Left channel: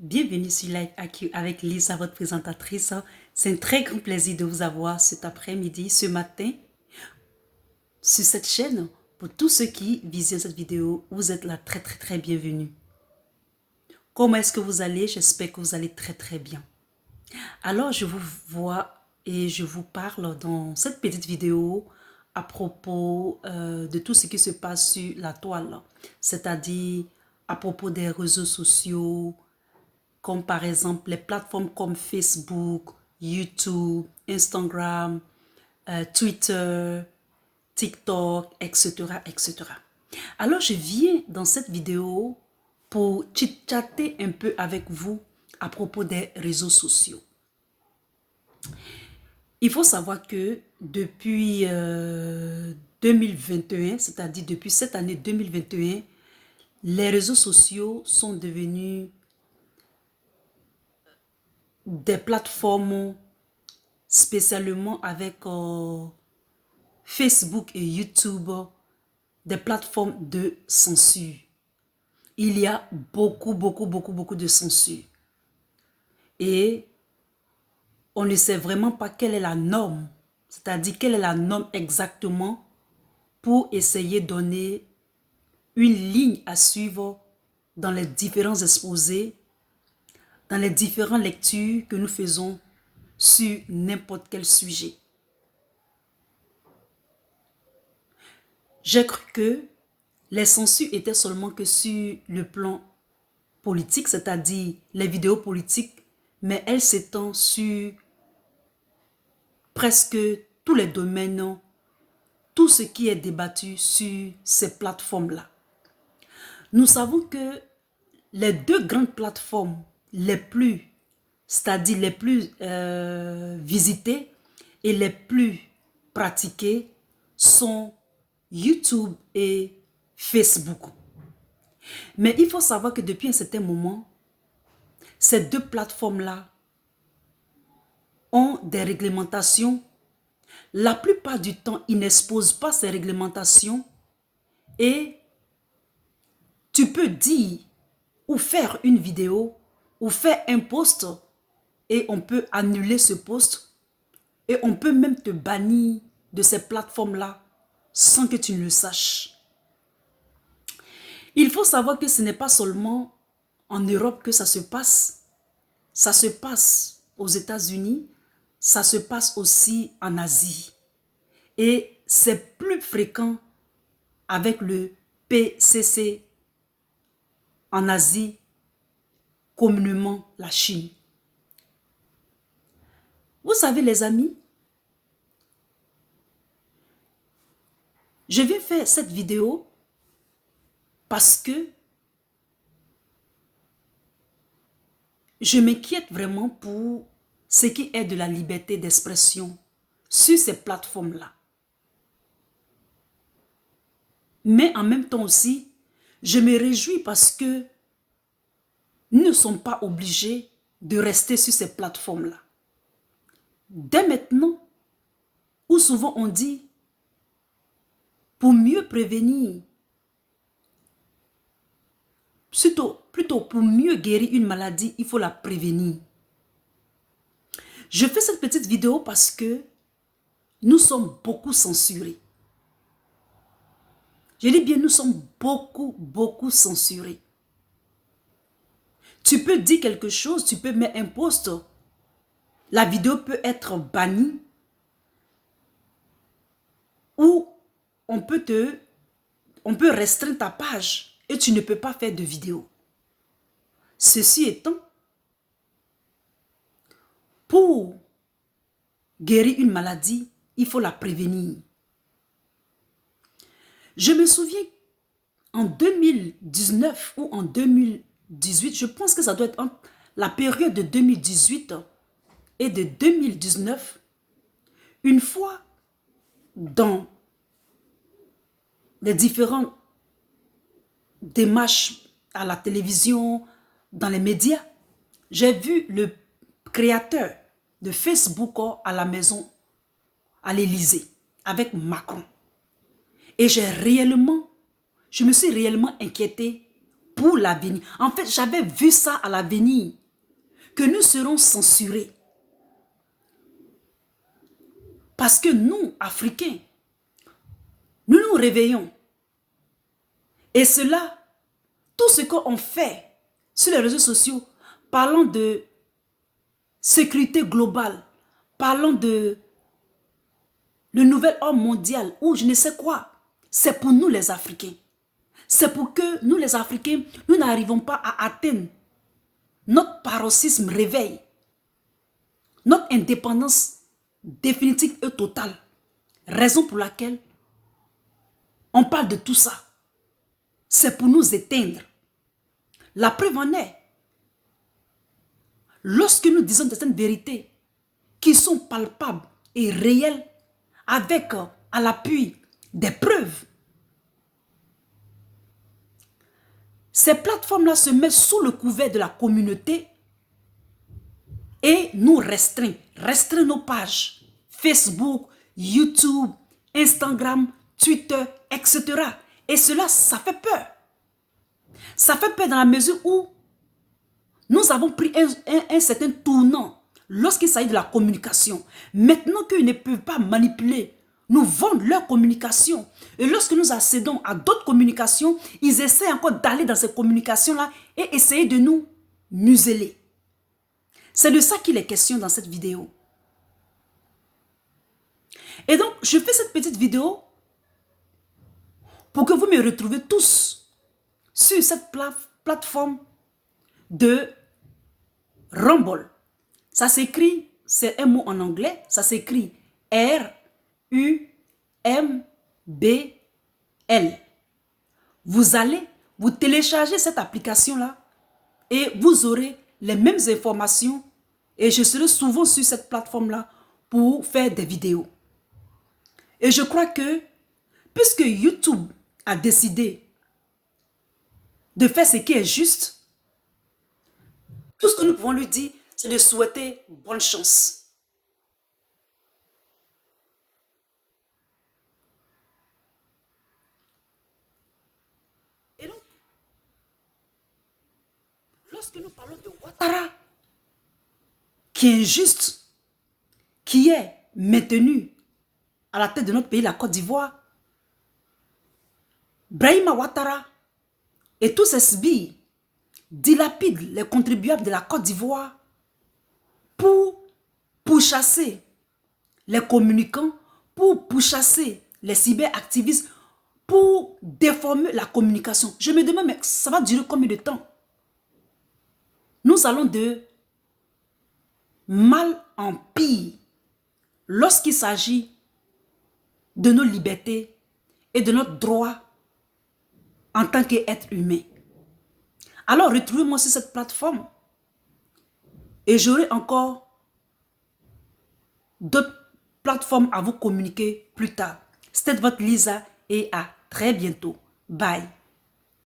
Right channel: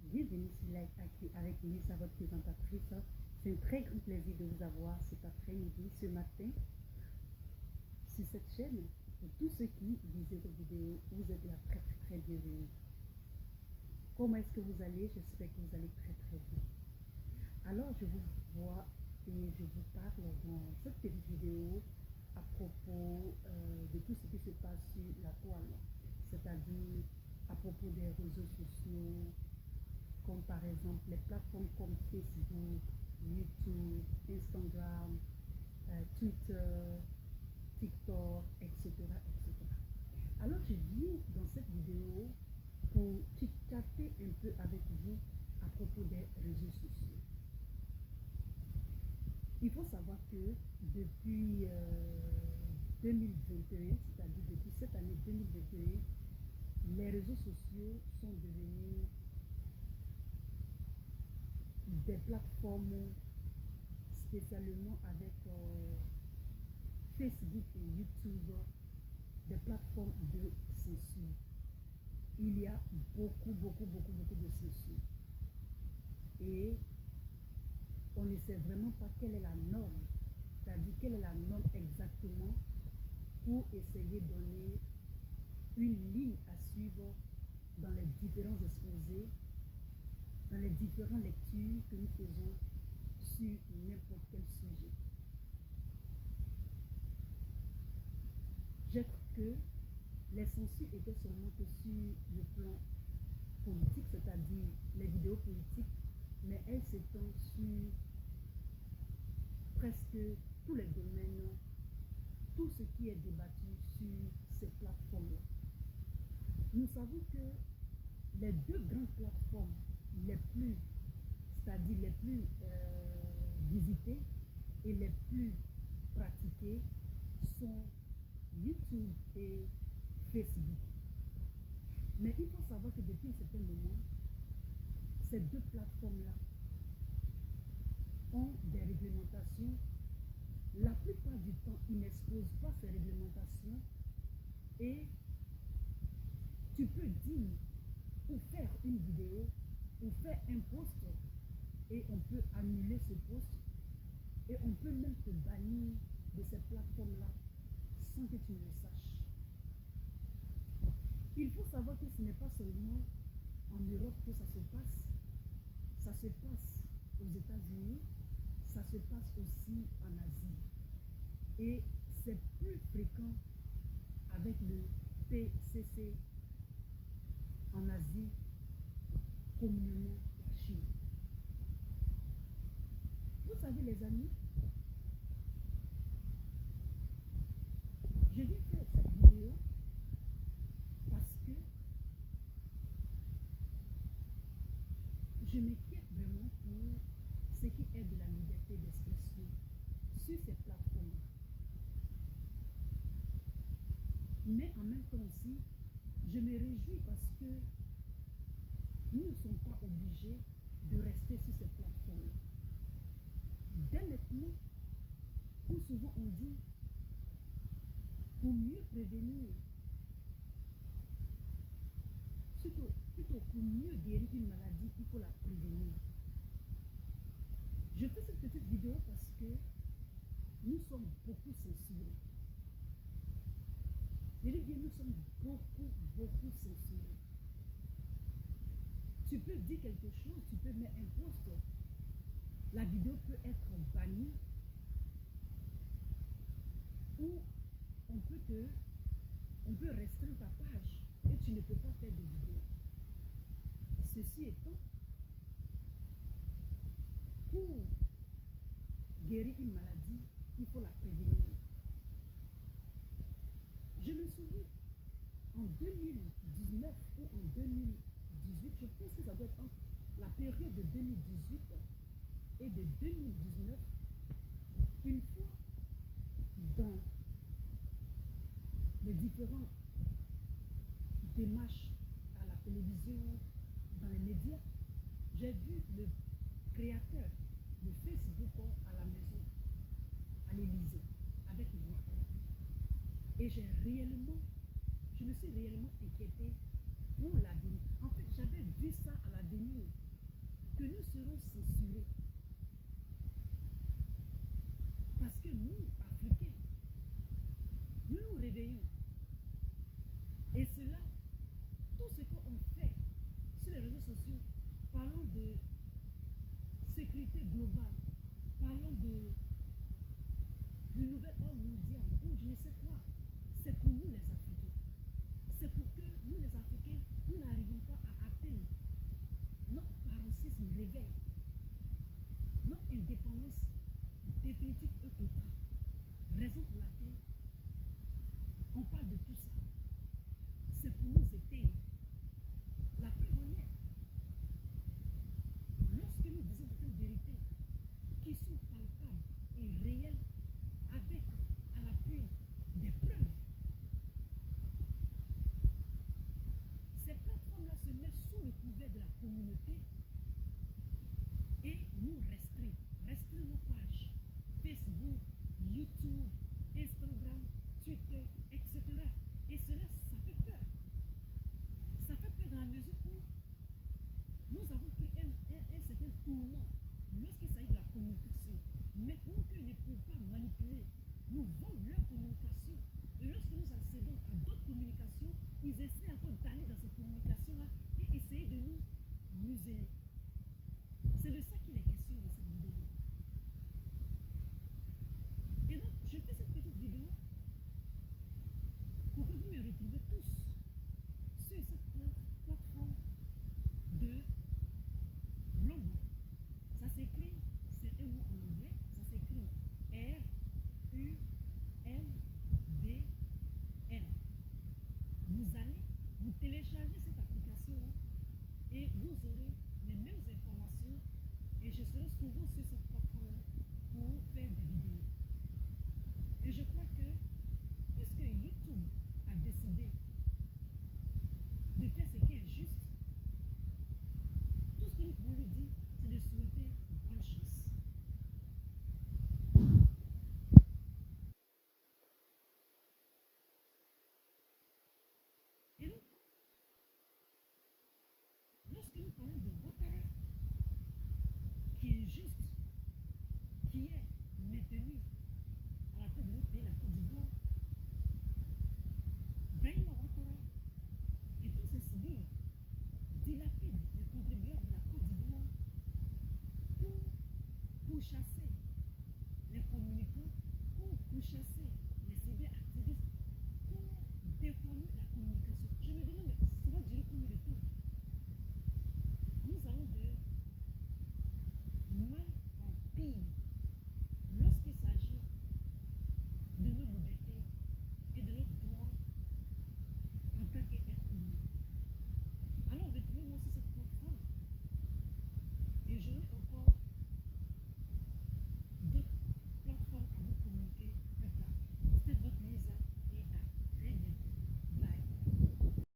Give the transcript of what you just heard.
Bienvenue sur Life AQ avec Lisa, votre présentatrice. C'est un très grand plaisir de vous avoir cet après-midi, ce matin, sur cette chaîne. Pour tous ceux qui visionnent cette vidéo, vous êtes là très bienvenue. Comment est-ce que vous allez? J'espère que vous allez très bien. Alors, je vous vois et je vous parle dans cette petite vidéo à propos de tout ce qui se passe sur la toile. C'est-à-dire à propos des réseaux sociaux, comme par exemple les plateformes comme Facebook, YouTube, Instagram, Twitter, TikTok, etc. Alors, je viens dans cette vidéo pour chit-chatter un peu avec vous à propos des réseaux sociaux. Il faut savoir que depuis 2021, c'est-à-dire depuis cette année 2021, les réseaux sociaux sont devenus des plateformes spécialement avec Facebook et YouTube, des plateformes de censure. Il y a beaucoup de censure. Et on ne sait vraiment pas quelle est la norme, c'est-à-dire quelle est la norme exactement pour essayer de donner une ligne à suivre dans les différents exposés, dans les différentes lectures que nous faisons sur n'importe quel sujet. J'ai cru que les censures étaient seulement que sur le plan politique, c'est-à-dire les vidéos politiques, mais elles s'étendent sur presque tous les domaines, tout ce qui est débattu sur ces plateformes-là. Nous savons que les deux grandes plateformes les plus, c'est-à-dire les plus visitées et les plus pratiquées sont YouTube et Facebook. Mais il faut savoir que depuis un certain moment, ces deux plateformes-là ont des réglementations. La plupart du temps, ils n'exposent pas ces réglementations et tu peux dire ou faire une vidéo ou faire un post et on peut annuler ce post et on peut même te bannir de ces plateformes-là sans que tu ne le saches. Il faut savoir que ce n'est pas seulement en Europe que ça se passe aux États-Unis, ça se passe aussi en Asie. Et c'est plus fréquent avec le PCC en Asie, communément la Chine. Vous savez les amis, je vais faire cette vidéo parce que je m'inquiète vraiment pour ce qui est de la liberté d'expression sur ces plateformes-là. Mais en même temps aussi, je me réjouis parce que nous ne sommes pas obligés de rester sur ces plateformes-là. Dès maintenant, où souvent on dit, pour mieux prévenir, plutôt pour mieux guérir une maladie, il faut la prévenir. Je fais cette petite vidéo parce que nous sommes beaucoup censurés. Je dis bien, nous sommes beaucoup censurés. Tu peux dire quelque chose, tu peux mettre un post, la vidéo peut être bannie ou on peut restreindre ta page et tu ne peux pas faire de vidéo. Ceci étant, pour guérir une maladie, il faut la prévenir. Je me souviens, en 2019 ou en 2018, je pense que ça doit être la période de 2018 et de 2019, une fois dans les différentes démarches à la télévision, dans les médias, j'ai vu le créateur de Facebook à la maison, à l'Élysée, avec Macron. Et je me suis réellement inquiétée pour l'avenir. En fait, j'avais vu ça à l'avenir, que nous serons censurés. Parce que nous, Africains, nous nous réveillons. Et cela, tout ce qu'on fait sur les réseaux sociaux, parlant de sécurité globale, parlant de le nouvel ordre mondial, ou je ne sais quoi, c'est pour nous les Africains. C'est pour que nous les Africains, nous n'arrivons pas à atteindre notre paroxysme réveil, notre indépendance définitive et totale. Raison pour laquelle on parle de tout ça. C'est pour nous éteindre. La preuve en est. Lorsque nous disons certaines vérités qui sont palpables et réelles, avec à l'appui des preuves, ces plateformes-là se mettent sous le couvert de la communauté et nous restreignent nos pages Facebook, YouTube, Instagram, Twitter, etc. Et cela, ça fait peur. Ça fait peur dans la mesure où nous avons pris un certain tournant lorsqu'il s'agit de la communication. Maintenant qu'ils ne peuvent pas manipuler, nous vendent leur communication. Et lorsque nous accédons à d'autres communications, ils essaient encore d'aller dans ces communications-là et essayer de nous museler. C'est de ça qu'il est question dans cette vidéo. Et donc, je fais cette petite vidéo pour que vous me retrouviez tous sur cette plateforme de Rumble. Ça s'écrit, c'est un mot en anglais, ça s'écrit R-U-M-B-L. Vous allez, vous téléchargez cette application-là et vous aurez les mêmes informations et je serai souvent sur cette plateforme-là pour faire des vidéos. Et je crois que, puisque YouTube a décidé de faire ce qui est juste, tout ce que nous pouvons lui dire, c'est de souhaiter bonne chance. Et donc, lorsque nous parlons de Ouattara, qui est injuste, qui est maintenu à la tête de notre pays, la Côte d'Ivoire, Brahima Ouattara et tous ces sbires dilapident les contribuables de la Côte d'Ivoire pour pourchasser les communicants, pour pourchasser les cyberactivistes, pour déformer la communication. Je me demande, mais ça va durer combien de temps? Nous allons de mal en pire lorsqu'il s'agit de nos libertés et de notre droit en tant qu'être humain. Alors, retrouvez-moi sur cette plateforme et j'aurai encore d'autres plateformes à vous communiquer plus tard. C'était votre Lisa et à très bientôt. Bye.